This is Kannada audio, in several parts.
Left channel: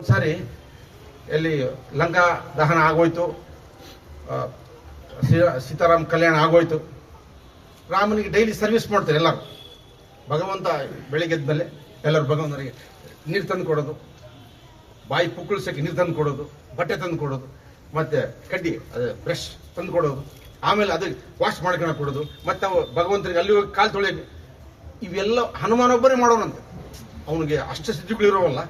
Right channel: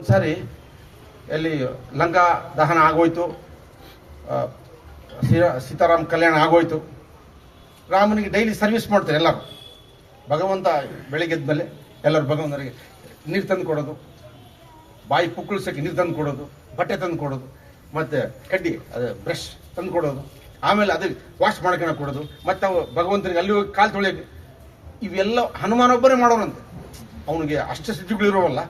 ಒಂದ್ಸಾರಿ ಎಲ್ಲಿ ಲಂಕಾ ದಹನ ಆಗೋಯ್ತು ಸೀತಾರಾಮ್ ಕಲ್ಯಾಣ ಆಗೋಯ್ತು. ರಾಮನಿಗೆ ಡೈಲಿ ಸರ್ವಿಸ್ ಮಾಡ್ತಾರೆ ಎಲ್ಲರೂ. ಭಗವಂತ ಬೆಳಿಗ್ಗೆದ ಎದ್ಮೇಲೆ ಎಲ್ಲರೂ ಭಗವಂತನಿಗೆ ನೀರು ತಂದು ಕೊಡೋದು, ಬಾಯಿ ಪುಕ್ಕಳಿಸೋಕೆ ನೀರು ತಂದು ಕೊಡೋದು, ಬಟ್ಟೆ ತಂದು ಕೊಡೋದು, ಮತ್ತೆ ಕಡ್ಡಿ, ಅದೇ ಬ್ರಷ್ ತಂದು ಕೊಡೋದು, ಆಮೇಲೆ ಅದಕ್ಕೆ ವಾಶ್ ಮಾಡ್ಕೊಂಡು ಕೊಡೋದು, ಮತ್ತೆ ಅವು ಭಗವಂತನಿಗೆ ಅಲ್ಲಿ ಹೋಗಿ ಕಾಲು ತೊಳೆಯೋದು. ಇವೆಲ್ಲ ಹನುಮಾನೊಬ್ಬರೇ ಮಾಡೋರಂತೆ. ಅವನಿಗೆ ಅಷ್ಟು ಸಿದ್ಧಿಗಳು ಇರೋವಲ್ಲ.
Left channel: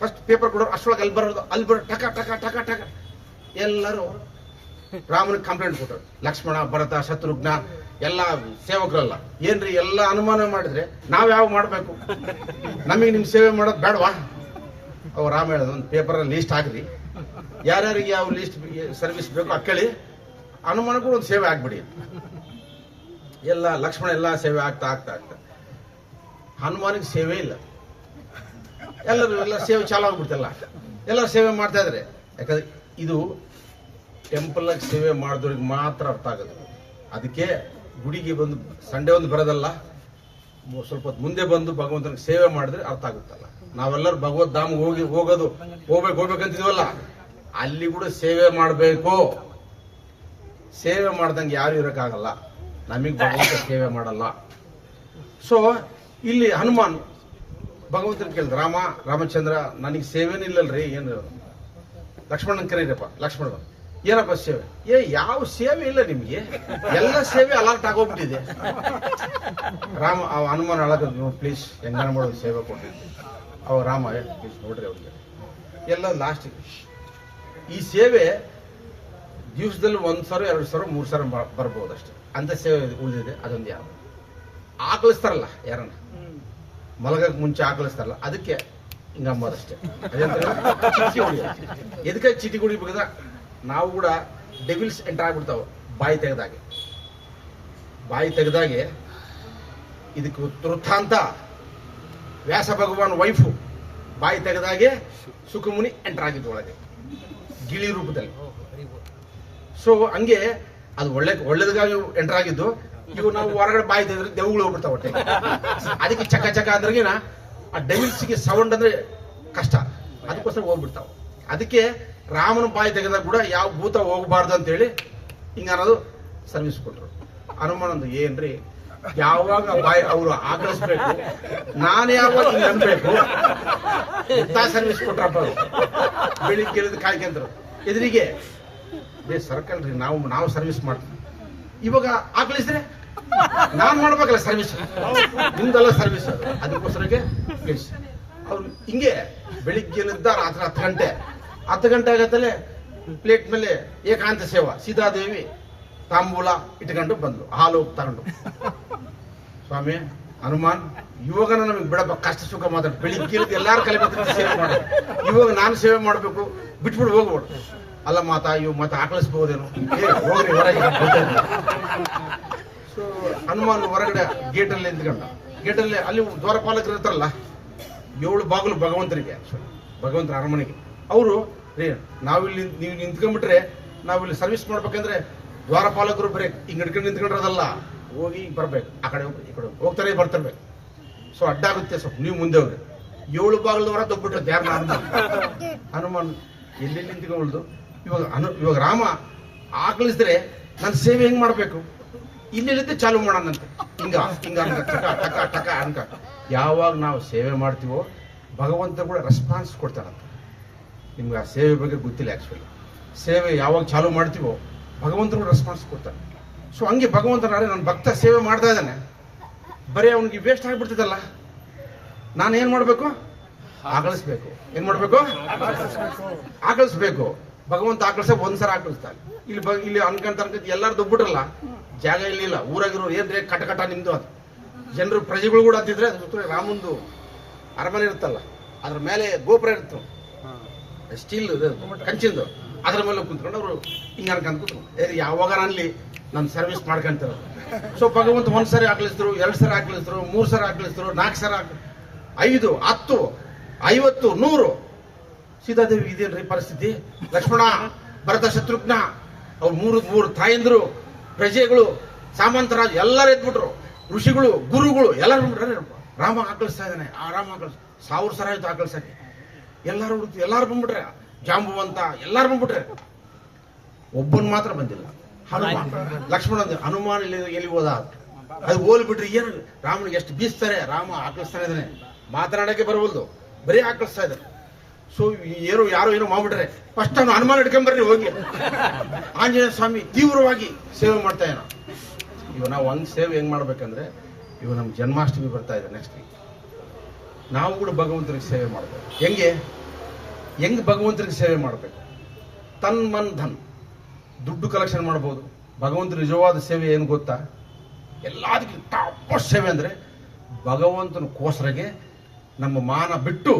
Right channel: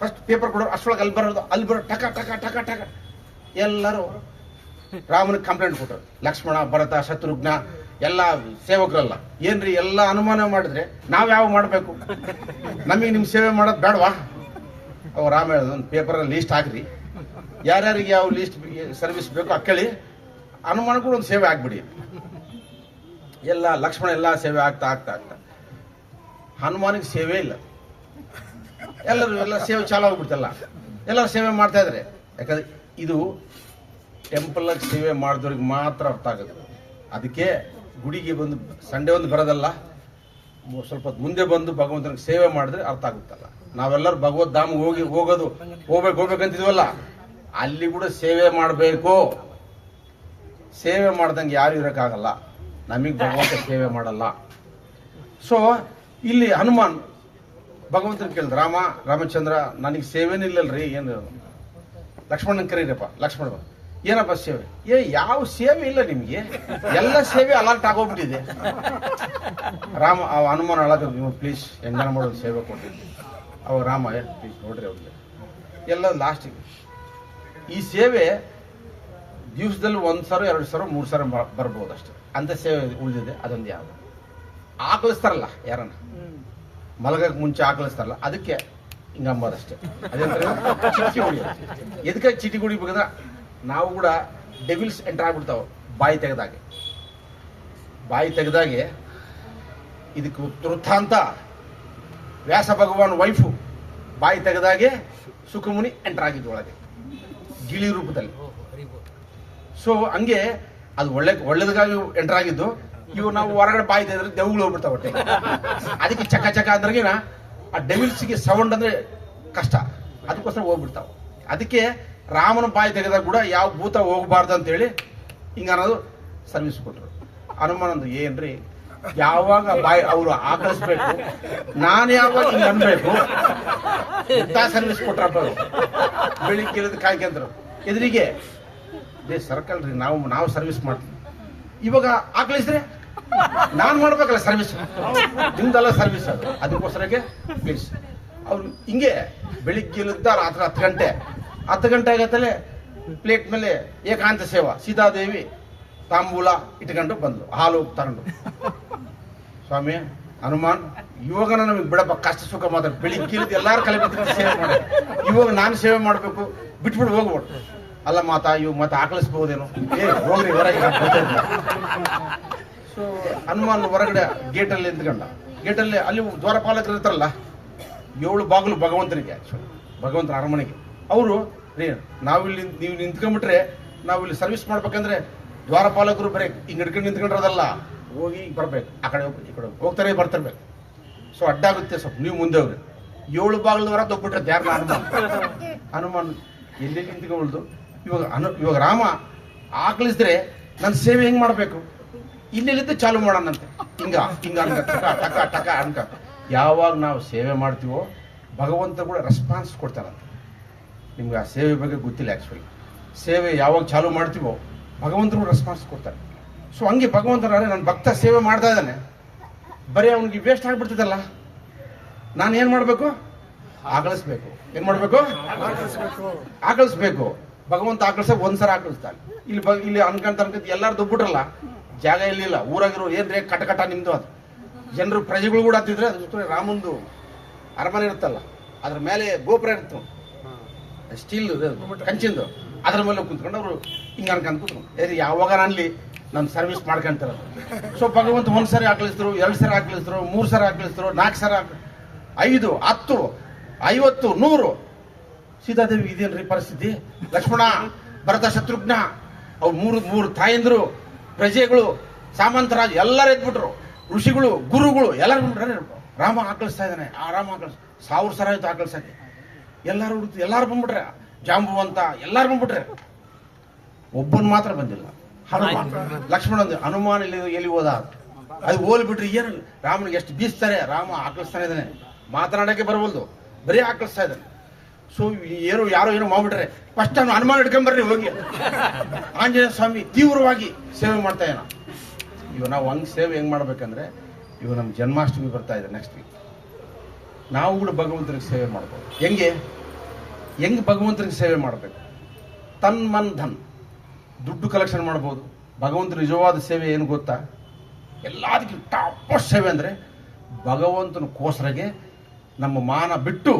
ಫಸ್ಟ್ ಪೇಪರ್ ಕೊಡೋರು ಅಷ್ಟೊಳಗೆ ಅಲ್ಲಿ ಬರೋದು, ಅಲ್ಲಿ ಬರೋ ಟಕ ಟಕ ಟಕ ಟಕ. ಎಲ್ಲರೂ ರಾಮನಿಗೆ ಕಂಪ್ಲೇಂಟ್ ಕೊಟ್ಟರು. ಲಕ್ಷ್ಮಣ, ಭರತ, ಶತ್ರುಘ್ನ, ಎಲ್ಲ ಸೇವಕರಲ್ಲ. ಏನ್ರಿ, ಎಲ್ಲ ಅನುಮಾನ ಮಾಡಿದ್ರೆ ನಾವು ಯಾವ ಮಾಡಬೇಕು? ನಮಗೆ ನಿಮ್ ಸೇವೆ ಮಾಡೋದು ಬೇಡವಾ? ಅವ ರಾಮ ಹೇಳಿದ ಒಂದು ಪೇಪರಲ್ಲಿ ಲೀಸ್ಟ್ ಹಾಕ್ರಿ. ಯಾರ್ಯಾರಿಗೆ ಯಾವ ಲೀಸ್ಟ್ ಸರ್ವಿಸ್ ಬೇಕು ಅಕ್ಕಳಿ ಅನುಮಾನಕ್ಕೂ ಒಂದು ಸೇವೆ ಆಗ್ಬಿಡಿ. ಎಲ್ಲ ಲಕ್ಷ್ಮಣ ಎಲ್ಲ ಸೇವೆ ಆಗ್ತಾ ಆಗ್ತಾ ಆಗ್ತಾ. ಹನುಮಾನಿಗೆ ಸೇವೆ ಇಲ್ಲ. ಎಲ್ಲರೂ ಎಲ್ಲ ಸೇವೆ ಚಾಲು ಆಗ್ಬಿಡ್ತಲ್ಲ. ಎಲ್ಲರೂ ಸೇವೆ ಮಾಡ್ತಾ ಇದ್ದಾರೆ ಯಾಕಂದ್ರೆ ಇದು ಟೆಂಪಲ್ ಸೇವೆ ಮಾಡಿದವ್ರಿಗೆ ಮಾತ್ರ ಅರ್ಥ ಆಗುತ್ತೆ ಅದಕ್ಕೆ ಗುಡಿಗೆ ಬಂದು ಸಂಡೆ ಒಂದು ಬರೋದಲ್ಲ ಸ್ವಲ್ಪ ಮುಂದೆ ಬಂದು ಭಗವಂತನಿಗೆ ಸೇವೆ ಮಾಡಿದ್ರೆ ಅರ್ಥ ಆಗುತ್ತಲ್ಲ. ನಾವೆಲ್ಲರೂ ಭಗವದ್ ಧಾಮ ಹೋಗಿ ಹೋಗೋದು, ಹೋಗ್ಬೇಕು, ಹೋಗ್ಬೇಕಂತಿದ್ವಲ್ಲ. ಅಲ್ಲಿ ಕೂಡ ಸೇವೆ ಮಾಡಬೇಕು. ಸೇವೆ ಮಾಡ್ದಂಗೆ ಯಾರು ಇರೋಕ್ಕಾಗಲ್ಲ. ನಮಗೆ ಭಗವಂತ ಸೇವೆ ಮಾಡಲ್ಲ. ಸೊ ಇಲ್ಲಿ ಹನುಮಾನ್ ಭಗವಂತನ ಕೇಳಿದ ರಾಮ, ರಾಮಚಂದ್ರ, ನನಗೆ ಸೇವೆನೂ ಇಲ್ಲಲ್ರಿ, ಏನು? ಲಕ್ಷ್ಮಣನ್ ಕರೀರಪ್ಪ, ಲಕ್ಷ್ಮಣ. ಏನಪ್ಪ ಸೇವೆ? ಏ, ಯಾವ ಸೇವೆ ಇಲ್ಲ ನಿಮಗೆ. ಎಲ್ಲ ಸೇವೆ ಅಲರ್ಟ್ ಆಗೋಗ್ಬಿಟ್ಟಿದೆ. ರಾಮ, ಅವ ಹನುಮಾನ ಅಳಗ ನೀವು ಪ್ಲೀಸ್ ಹೆಂಗಾನ ಮಾಡೋದು ಸೇವೆ ಕೊಟ್ಟಿದ್ದೆ. ಅವ ರಾಮ ಪ್ಲೀಸ್ ನೋಡ್ರಿ ಅವ್ರಿಗೆ. ಎಲ್ಲ ಲಾಸ್ಟಿಗೆ ಈ ಸೇವೆ ದಿವಸದಲ್ಲಿ ಒಂದು ಸಾವಿರ ಎರಡು ಸಾವಿರ ಮೂರು ಸಾವಿರ ಬರ್ಬೋದು ಅಷ್ಟೇ ಅಂತ ಸೇವೆ ಉಳಿದಿದೆ, ಅದೊಂದು ಯಾವ ಆಕಳಿಸ್ತಾರಲ್ಲ ಯಾರನ್ನ? ಮಲಗಕ್ ಮುಂಚೆ ಹಾಕಲಿಸ್ತಾರಲ್ಲ, ಅದಕ್ಕೆ ಹಿಂಗಂಬೋದಷ್ಟೇ ಅದೇ ಚಿಟಿ ಗುಡಿ ಎದಕ್ಕೆ ಚೀಟಿ ಹೊಡಿಬೇಕಂದ್ರೆ ನಾವು ಕೂಡ ಡೆವಿಲ್ಸ್ ಎಂಟರ್ ಆಗ್ಬಿಡ್ತಾವ, ಬಾಯಿ ತೆಗೆದಾಗೆ. ಬಾಯಿ ತೆಗೆದಾಗೆ ಇದಕ್ಕೆ ವೃತ್ತಾಂತ. ವ್ಯಾಸ ಭಗವಾನ್ ವೈಫು ಬಾಯಿ ತೆಗೆದಾಗೆ ಸುಖಮುನಿ ಎಂಟರ್ ಆಗಿದ್ದು ಒಳಗೆ, ಗಿಳಿ ರೂಪದಲ್ಲಿ. ಸೊ ಹಂಗೆ ಅದು ಒಳ್ಳೆ ಒಳ್ಳೇದಗಾಗಿ ಎಂಟರ್ ಆಗಿದ್ದು ಇವು ನಾವು ಹೊರಗಡೆ ಬಾಯಿ ತೆಗೆದ್ರೆ ದೆವ್ಗಳು ಹೋಗ್ಬಿಡ್ತಾವ ಹೊಟ್ಟೆ ಅದಕ್ಕೆ ಚಕ ಚಕ ಅಂದ್ರೆ ಆ ಡೆವಿಲ್ಸ್ಗೆ ಸೌಂಡ್ ಅಂದ್ರೆ ಕಷ್ಟ. ಅದಕ್ಕೋಸ್ಕರ ಹೋಗ್ಬಿಡ್ತಾವ. ಅದಕ್ಕೆ ರಾಮನ ಬಾಯಿ ತೆಗೆದಾಗ ಕೂಡ ಯಾವ ಭೂತ ಹೋಗಬಾರ್ದು ಅಂತೇಳಿ ಹಿಂಗ ಅನ್ನೋದು ಸರ್ವಿಸ್ ಕೊಟ್ರು ಹನುಮಾನಂದು ಏನ್ರಿ ಯಾವಾಗ ಬಾಯಿ ಅವರು ಆಕಳಿಸ್ಬೇಕು ನಾನು ಯಾವಾಗ ಹಿಂಗ ಅನ್ಬೇಕು ಸರ್ವಿಸ್ ಕೊಟ್ರಪ್ಪ. ಬೆಳಿಗ್ಗೆ ಕಾಯ್ಕೊಂಡ್ರು ಎದುರಿಗೆ ಸರ್ಕಲ್ ರೀ, ನಾವು ನಾವು ಸರ್ವಿಸ್ ಮಾಡ್ತೀವಿ. ಇವಾಗ ಆಕಳಿಸಿದ್ರೆ ನಾನ್ ಮಾಡ್ಬೇಕಲ್ಲ ಸರ್ವಿಸ್ ನಿಮ್ದಲ್ಲ ಸರ್ವಿಸ್ ಅದು. ಅದಕ್ಕೋಸ್ಕರಕ್ಕೆ ಪ್ಲೀಸ್ ಅವ್ರು ಹಿಂಗೆ ಬೆಳಿಗ್ಗೆಲಿದ್ದ ರಾತ್ರಿ ಹತ್ತು ಗಂಟೆ. ಹತ್ತು ಗಂಟೆ ಆಗತ್ತಲ್ಲೇ? ಪ್ಲೇಟ್ ಮೇಲೆ ಏಕಾಂತ ಸೇವಾ. ಸೀತಾದೇವಿ ತಾಂಬೂಲ ಇಟ್ಕೊಂಡು ಬಂದ್ಲು ಹಾಲು ತಗೊಂಡು. ಸ್ವಾಮಿ, ಹನುಮಾನ್, ಇವಾಗ ನಮಗೆ ಬಿಡಪ್ಪ, ಕಷ್ಟ ಸುಖ ಮಾತ್ರ. ಬೆಳಿಗ್ಗೆ ಎಲ್ಲಾರು ಕಲಿಬೇಕು ಸೇವೆ ಮಾಡ ಇವಾಗ ನಾನು ಸೇವೆ ಮಾಡಬೇಕು ಬಿಟ್ಬಿಟ್ಟು ಹೋಗ್ಬಿಟ್ಟು ಅಲ್ಲ ಮಾತಾ, ಇವ್ ಮತ್ತೆ ಆಕಳಿಸ್ಬಹುದೇನು ಹೋಗ್ರಿ, ಹೊರಗೆ. ಹನುಮಾನ್ ಹೊರಗಡೆ ಗೇಟಲ್ಲಿ ನಿಂತ್ಕೊಂಡ. ಗೇಟಲ್ಲಿ ಅಲ್ಲಿ ದ್ವಾರಪಾಲಕರು ಇರ್ತಾರಲ್ಲ, ಏಳು ಬಾಗಿಲು ಭಗವಂತನಿಗೆ. ಭಗವಂತನ ಅರಮನೆಗೆ. ಅವರು ನಾವಿಲ್ಲಿ ನೀವು ನಿಂತ್ಕೊಂಡ್ಬಿಟ್ರೆ ನಾವಿಲ್ಲಿ ಸರ್ವಿಸ್ ಮಾಡ್ಬೇಕಂದ್ರೆ ದ್ವಾರಪಾಲಕರು ಬರೀ ಹಿಂಗ್ ಹಿಡ್ಕೊಂಡು ನಿಂತ್ಕೊಂಡ್ರದಲ್ಲ, ಹೋಗಿ ಬರಬೇಕು. ಆ ಕಡೆ ಹೋಗಿ ಈ ಕಡೆ ಹೋಗಿ. ಹೋಗ್ತಾರೆ, ಬರ್ತಿರ್ಬೇಕು. ಸೊ ಅಡ್ಡಾಗುತ್ತೆ ಸ್ವಲ್ಪ, ನೀವು ಮುಂದೆ ಹೋಗ್ರಿ. ಏಳು ಬಾಗಿಲು ಹೊರ ತಗ್ಬಿಟ್ರೆ ಯಾರು ಹನುಮಾನ್? ಹನುಮಾನ್, ಎಲ್ಲಿ ನಿಂತ್ಕೊಳ್ದು? ಇವಾಗ ಇವಾಗ ರಾಮ ಆಕಳಿಸಿದ್ರೆ ನನ್ನ ಸೇವೆ ಹೆಂಗ್ ಮಾಡ್ಬೇಕು? ಇಲ್ಲಿಲ್ಲಿದ್ದ ಚಾಲು ಮಾಡೋಣಂತೆ. ಹಿಂಗ ಹಿಂಗ ಅನ್ಕ ಟಕ ಟಕ ಟಕ ಅನ್ಕ ಯಾವಾಗ ನಾವು ಸೇವೆ ಮಾಡ್ತೀವೋ ಭಗವಂತ ಕೂಡ ರೆಸ್ಪಾನ್ಸ್ ಕೊಡ್ತಾರಂತೆ. ನಿಮ್ಗೆ ಆ ಸೇವೆ ಬಗ್ಗೆ ಗೊತ್ತಿಲ್ಲ ಆ್ಯಕ್ಚುಲಿ ಸೇವೆ ಯಾವಾಗ ಚಾಲು ಮಾಡ್ತೀವೋ, ಭಗವಂತರು ರೆಸ್ಪಾನ್ಸ್ ಕೊಡ್ತಾರೆ. ಸೊ ಹಂಗೆ ಭಗವಂತನಾದ್ರೆ ನನ್ನ ಭಕ್ತ ಸೇವೆ ಮಾಡ್ತಾ ಇದ್ದಾನೆ. ಬರೀ ಅವನಿಗೆ ವೇಸ್ಟ್ ಆಗಿಬಿಡ್ತಿದಲ್ಲ. ನಾನು ಏನು ಮಾಡಬೇಕು? ಆಗಳಿಸ್ಬೇಕು ಏನು ಮಾಡಬೇಕು? ಆಗಳಿಸ್ಬೇಕು ಭಗವಂತ ಆಕಳಿಸ ಒಂದ್ಸಲ ಆಕಳಿಸ್ತಾನೆ. ಇಲ್ಲಿ ಇಲ್ಲಿ ಅನ್ಕಂತ ಅನ್ಕಂತ ಎಲ್ಲರೂ ದುಬ್ಬಿಟ್ರಲ್ಲ ಜಾಗ ಇರಲಿಲ್ಲ. ಊರಾಗಿರೋ ಏದ್ರೆ ಕಟ ಕಟ ನಿಮ್ದು ಅದು. ಜನರು ಪ್ರಜೆಗಳು ಕೂಡ ಹತ್ತಿದ್ರೆ ಅದ್ರ ಜೊತೆ ರಾಮಂದು ಅರಮನೆ ಇರುತ್ತಲ್ಲ ಅದ್ರ ಮೇಲೆ ಗೋಪುರ ಇರುತ್ತೆ ಸ್ಟೀಲ್ ಕಂಚಿಂದು. ಅದ್ರ ಮೇಲೆ ಕುಂತ್ಕೊಂಡು ಅವರು ಹಿಂಗೆ ಅನ್ಕೊಂಡು ಕುತ್ಕೊಂಡು ಯಾವಾಗ ಅನ್ಲಿ? ನನ್ನ ಸರ್ವಿಸ್ ಮಾಡ್ಕೊಂತಾರ ಸೊ ಭಗವಂತ ಒಂದು ಸರಿ ಹಾಕ್ಲಿಸ್ತರು ಎರಡು ಸರಿ ಹಾಕ್ಲಿಸ್ತರು ಮೂರು ಸರಿ ಹಾಕ್ಲಿಸ್ತರು ನಾಲ್ಕು ಸರಿ ಹಾಕ ಐದು ಹತ್ತು ಐವತ್ತು ನೂರು. ಸೀತಾದೇವಿ ಇದೇನ್ರಿ ಪರಿಸ್ಥಿತಿ? ಲಕ್ಷ್ಮಣ ಭರತ ಶತ್ರುಘ್ನ ಅವ್ರು ಮೂರು ಮೂರು ತಾಯಂದ್ರು ಪ್ರಜೆಗಳು, ಸಾಮಂತರಾಜ್ ಎಲ್ಲರೂ ಎದ್ಬಿಟ್ರು. ಋಷಿಗಳು, ಗುರುಗಳು ಎಲ್ಲರೂ ಬಿಟ್ರೆ ರಾಮ ಆಕಳಿಸ್ತಾ ಇದ್ದಾನೆ. ಆ ರಾಮ ಆಕಳಿಸ್, ಸಾವಿರ ಸರ ಆಯ್ತು ಆಕಳಿಸಕ್ಕೆ ಎಲ್ಲರೂ ಹುಡುಕ್ತಿ ಎಲ್ಲಾರು ಬಂದ್ಬಿಟ್ರೆ, ಜಾಂಬುವಂತ ಎಲ್ಲಾರು ಬಂದ್ಬಿಟ್ರೆ. ಒಬ್ಬನ್ ಮಾತ್ರ ಬಂದಿಲ್ಲ. ಹನುಮಾನ್. ಲಕ್ಷ್ಮಣ ಹನುಮಾನ್ ಎಲ್ಲಿ ಎಲ್ಲಿ ಹೋದ? ಅದು ಹೋಲ್ ಬಿಟ್ರಿ ಏನು? ರಾಮನಿಗೆ ಎಷ್ಟು ಬೀಸ್ತಾರೆ? ರಾಮ ಆಕಳಿಸ್ತಾನೆ ಇದ್ದಾನೆ. ಮಾತನಾಡಕ್ಕೆ ಬರವಲ್ದು. ಬರೀ ಆಕಳಿಸ್ತಾ ಇದ್ದಾನೆ. ಸೊ, ಏನೋ, ಯಾರೋ ಏನೋ ಮಾಡ್ಬಿಟ್ರೆ ಫಸ್ಟ್ ನಾನು ಹನುಮಾನ್ ಹಿಡ್ಕೊಂಬರ್ರಿ ಹೋಗಿ. ಆಂಜನೇಯ ಸ್ವಾಮಿ ತೀವ್ರವಾಗಿ ಸೇವೆ ಮಾಡ್ತಾ ಇದ್ದಾನ ಇವ ನಾವು ಹಂಗ್ ಸೇವೆ ಹೆಂಗ್ ಮಾಡ್ಬೇಕಂದ್ರೆ, ಇವ ನಮ್ಮ ಜನ್ಮಾಷ್ಟಮಿ ಬರ್ತಾ ಇದೆ ನೆಕ್ಸ್ಟ್ ವೀಕ್ ನಾವು ಕೂಡ ಭಗವಂತನಿಗೆ ಸೇವೆ ಮಾಡ್ಬೇಕು. ಹೆಂಗೆ? ಹೆಂಗ್ ಭಗವಂತನಿಗೆ ಸೇವೆ ಮಾಡಬೇಕು? ತನ್ ಮನ್ ಧನ್. ದುಡ್ಡು ಕಲೆಕ್ಷನ್ ಮಾಡ್ಬೋದು. ಭಗವಂತ ನಿಜವಾದ ಸೇವೆ ಏನು ಗೊತ್ತಾ? ಎಲ್ಲದಕ್ಕಿಂತ ಟಾಪ್ ಸೇವೆ ಅಂದರೆ ಭಗವಂತನ ಕೋಸರಗೆ ನಮ್ಮ ಮಾನ ಬಿಟ್ಟು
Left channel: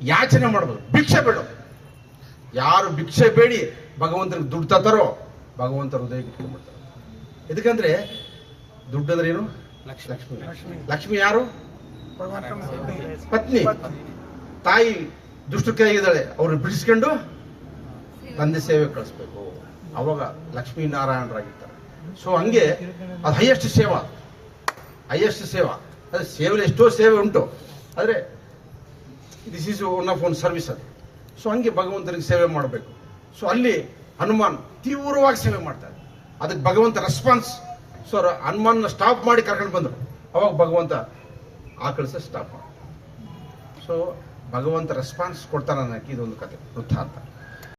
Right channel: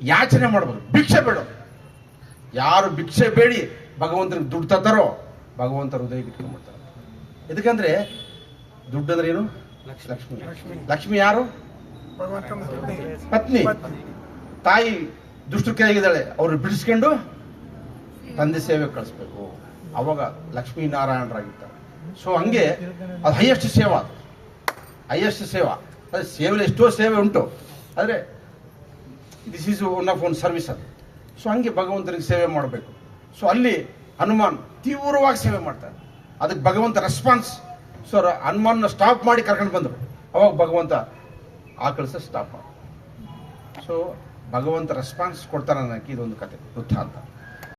ಯಾಚನೆ ಮಾಡಬಹುದು ಭಿಕ್ಷೆ ಬೇಡ. ಯಾರು ಭಿಕ್ಷೆ ಬೇಡಿ, ಭಗವಂತನಿಗೆ ದುಡ್ಡು ತತ್ತಾರೋ ಭಗವಂತ ಹೃದಯ ಇಟ್ಕೊಂಡ್ಬಿಡ್ತಾರೆ. ಎದಕ್ಕಂದ್ರೆ ದುಡ್ಡು ಅಂದ್ರೆ ಏನು? ಲಕ್ಷ್ಮಿ. ಲಕ್ಷ್ಮಿ ಯಾರು? ಪತ್ನಿ. ತಾಯಿ ದುಷ್ಟು ಕೈಯಾಗಿದ್ದಾಳೆ ಅವ್ರನ್ನ ಬಿಡಿಸ್ಕೊಂಡು ತಂದೆ ಸೇವೆ ಕಳಿಸ್ಬೇಕು. ಅವಾಗ ಲಕ್ಷ್ಮೀ ನಾರಾಯಣರಾಗಿರ್ತಾರೆ. ಸೊ ಹಂಗೆ ಅದು ಹೈಯೆಸ್ಟ್ ಸೇವಾ. ಹೈಯೆಸ್ಟ್ ಸೇವಾ. ಅದು ಸೇವೆ ಎಷ್ಟೋ ಸೇವೆ ಉಂಟು. ಆದರೆ this is one of one service ಅದು ಸೊ ಹಂಗೆ ಭಗವಂತನಿಗೆ ಸೇವೆ ಮಾಡಬೇಕು. ಸೊ ಅಲ್ಲಿ ಹನುಮಾನ್ ತೀವ್ರವಾಗಿ ಸೇವೆ ಮಾಡ್ತಾರೆ. ಅದಕ್ಕೆ ಭಗವಂತ ರೆಸ್ಪಾನ್ಸ್ ಸೊ ಹನುಮಾನ್ನ ಸ್ಟಾಪ್ ಮಾಡಿ ಕರ್ಕೊಂಡು ಬಂದರು. ಅವಾಗ ಭಗವಂತ ಆಕಳಿಸ ಸ್ಟಾಪ್ ಮಾಡಿ ಸೊ ಭಗವಂತ ರೆಸ್ಪಾನ್ಸ್ ಕೊಡ್ತಾನೆ ಅನ್ನೋಕ್ಕೆ ಇದೊಂದು ಕತೆ ವೃತ್ತಾಂತ